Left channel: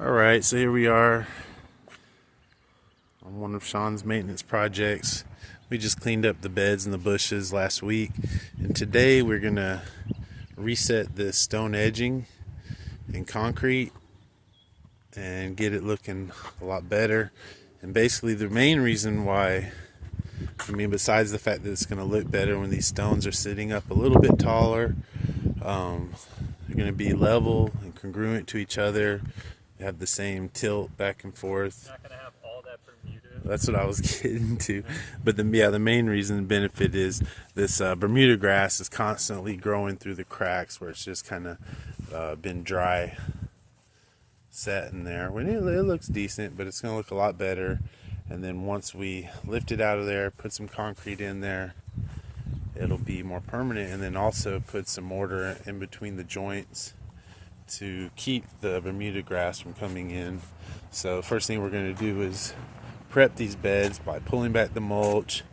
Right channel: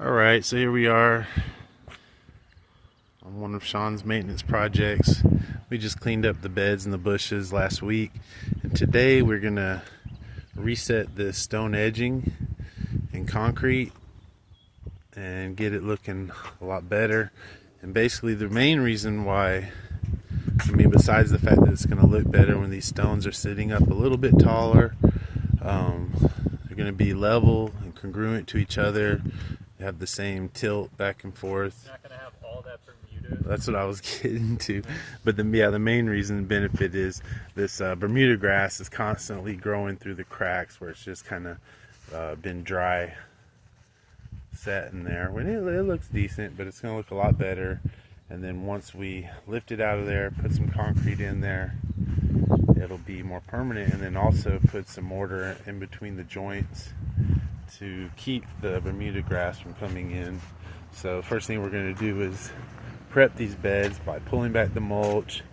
Alright, so here we are on one of Sean's maintenance projects. We just cleaned up the beds and the bushes last week, and today we're gonna reset this stone edging in concrete and get it looking a lot better. And basically the main reason why, besides the fact that it's gonna look better when these stones are sitting up a little bit taller, they're gonna be level and congruent to each other, have the same tilt back and forth. Not gonna have all that Bermuda. That's what I was getting to. But the main reason and benefit is this Bermuda grass is constantly growing through the cracks where it's just kind of been dry set in there. When it looks decent, but it's gonna look a lot better. And then once we lift it out of there, put some concrete in there, it'll be more permanent. And then also put some mortar in between the joints to keep the Bermuda grass from coming in. So the first thing we're going to do is prep these beds by pulling back the mulch.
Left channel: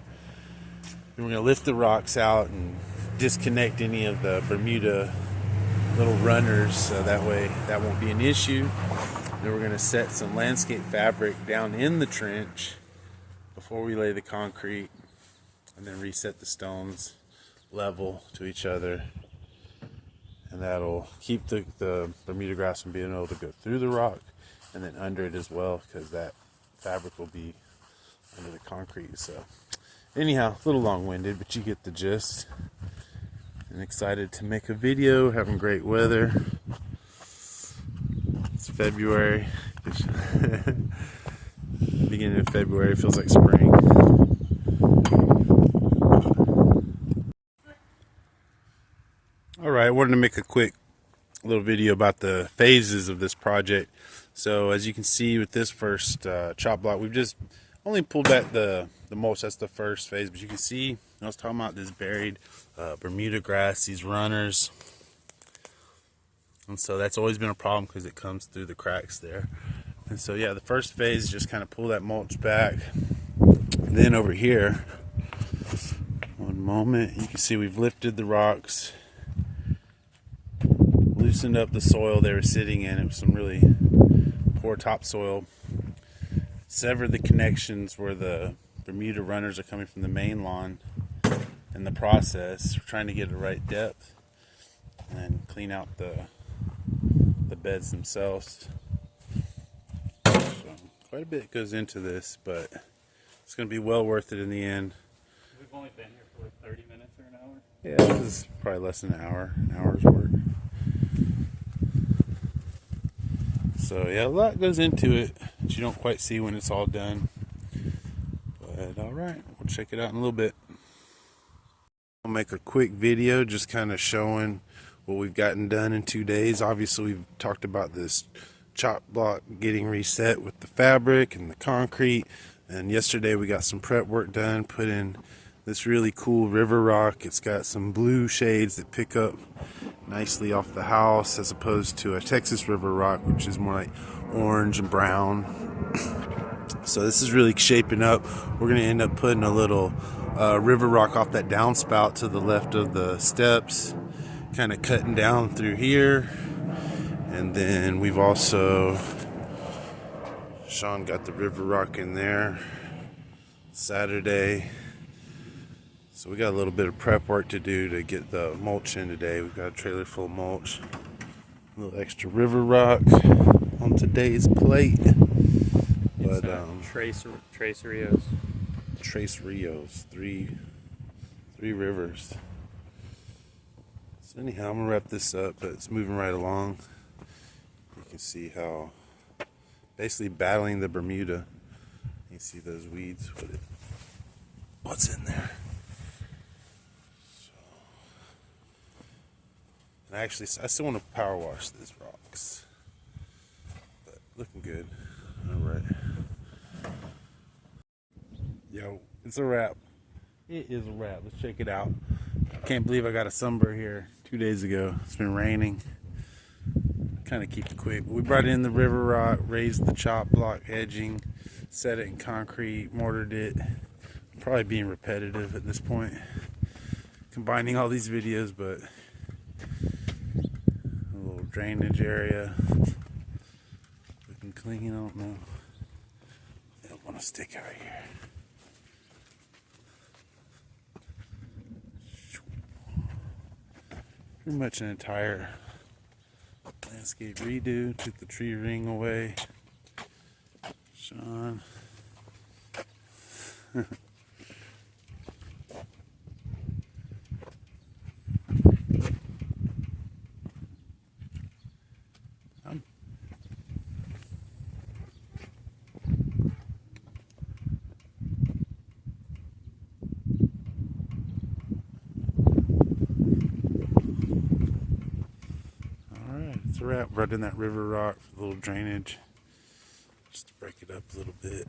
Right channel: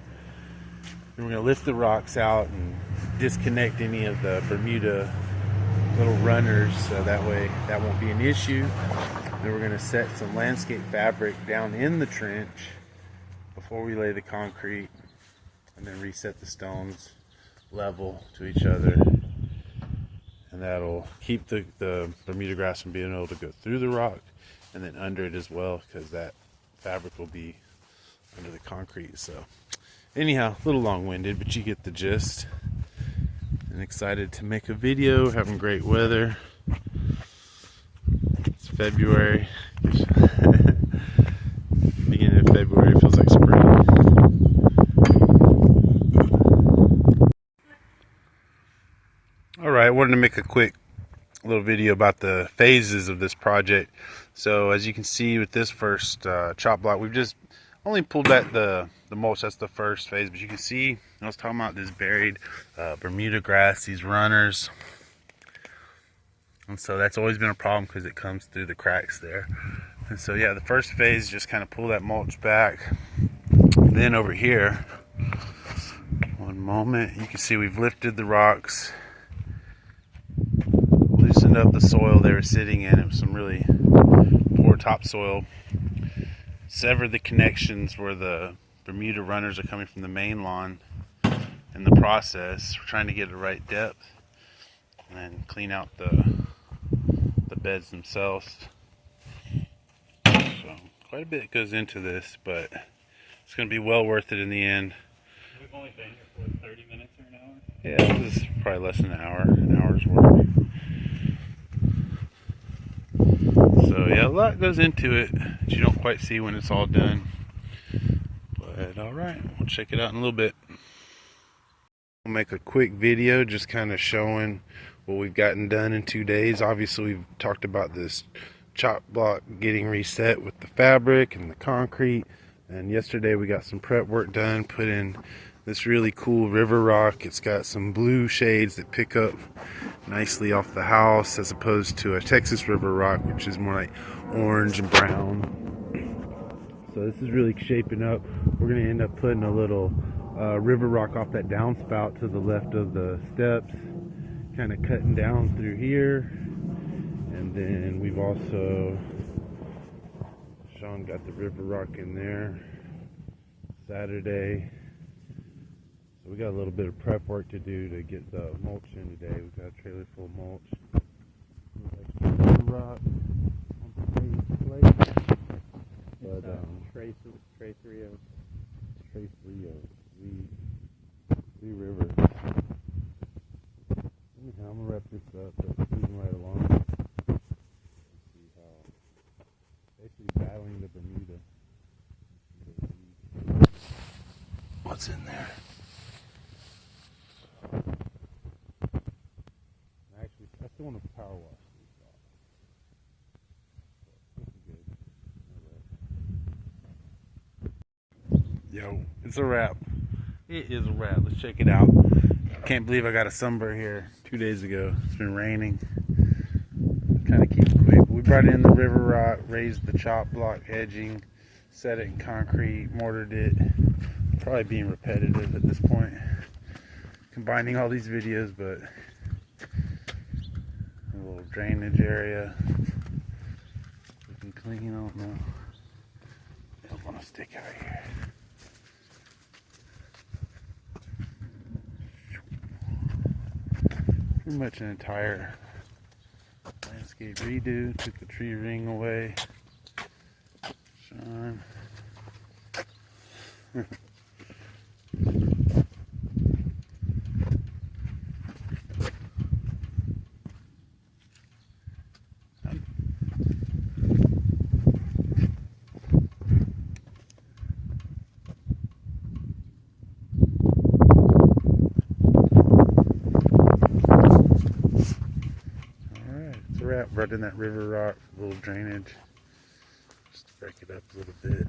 Then we're going to lift the rocks out and disconnect any of the Bermuda little runners, so that way that won't be an issue. Then we're going to set some landscape fabric down in the trench before we lay the concrete, and then reset the stones level to each other. And that'll keep the Bermuda grass from being able to go through the rock and then under it as well, because that fabric will be under the concrete. So anyhow, a little long-winded, but you get the gist. And excited to make a video. Having great weather. It's February. Beginning of February, feels like spring. Alright, I wanted to make a quick little video about the phases of this project. So as you can see with this first chop block, we've just only pulled back the mulch. That's the first phase, but you can see I was talking about this buried Bermuda grass, these runners. And so that's always been a problem because it comes through the cracks there. And so yeah, the first phase is just kind of pull that mulch back. Then over here, one moment, you can see we've lifted the rocks, loosened up the soil they were sitting in. It was some really poor topsoil. Severed the connections where the Bermuda runners are coming from the main lawn. In the process, we're trying to get the right depth and clean out the beds themselves. So quite a bit goes into this, but it's going to be well worth it in the end. We've only been here for 30 minutes or an hour? Yeah, this is probably less than an hour's work. So yeah, a lot goes into it that you don't quite see when it's all done. But alright, we'll check it out in a little bit. I'll make a quick video just kind of showing what we've gotten done in 2 days. Obviously we've talked about this chop block getting reset with the fabric and the concrete. And yesterday we got some prep work done, put in this really cool river rock. It's got some blue shades that pick up nicely off the house, as opposed to a Texas river rock, which is more like orange and brown. So this is really shaping up. We're going to end up putting a little river rock off that downspout to the left of the steps, kind of cutting down through here. And then we've also, Sean got the river rock in there Saturday. So we got a little bit of prep work to do to get the mulch in today. We've got a trailer full of mulch, a little extra river rock on today's plate. But Trace Rios. Trace Rios, three rivers. So anyhow, I'm gonna wrap this up, but it's moving right along. You can see how basically battling the Bermuda. You see those weeds. What's in there? Actually, I still want to power wash these rocks, but looking good. All right. Yo, it's a wrap. It is a wrap. Let's check it out. Can't believe I got a sunburn here 2 days ago. It's been raining. Kind of keep it quick. We brought in the river rock, raised the chop block edging, set it in concrete, mortared it. Probably being repetitive at this point, combining all these videos, but a little drainage area. and clean. I don't know. I don't want to stick out here. Pretty much an entire landscape redo. Took the tree ring away. Sean. It's a wrap. Brought in that river rock, a little drainage, just to break it up a little bit.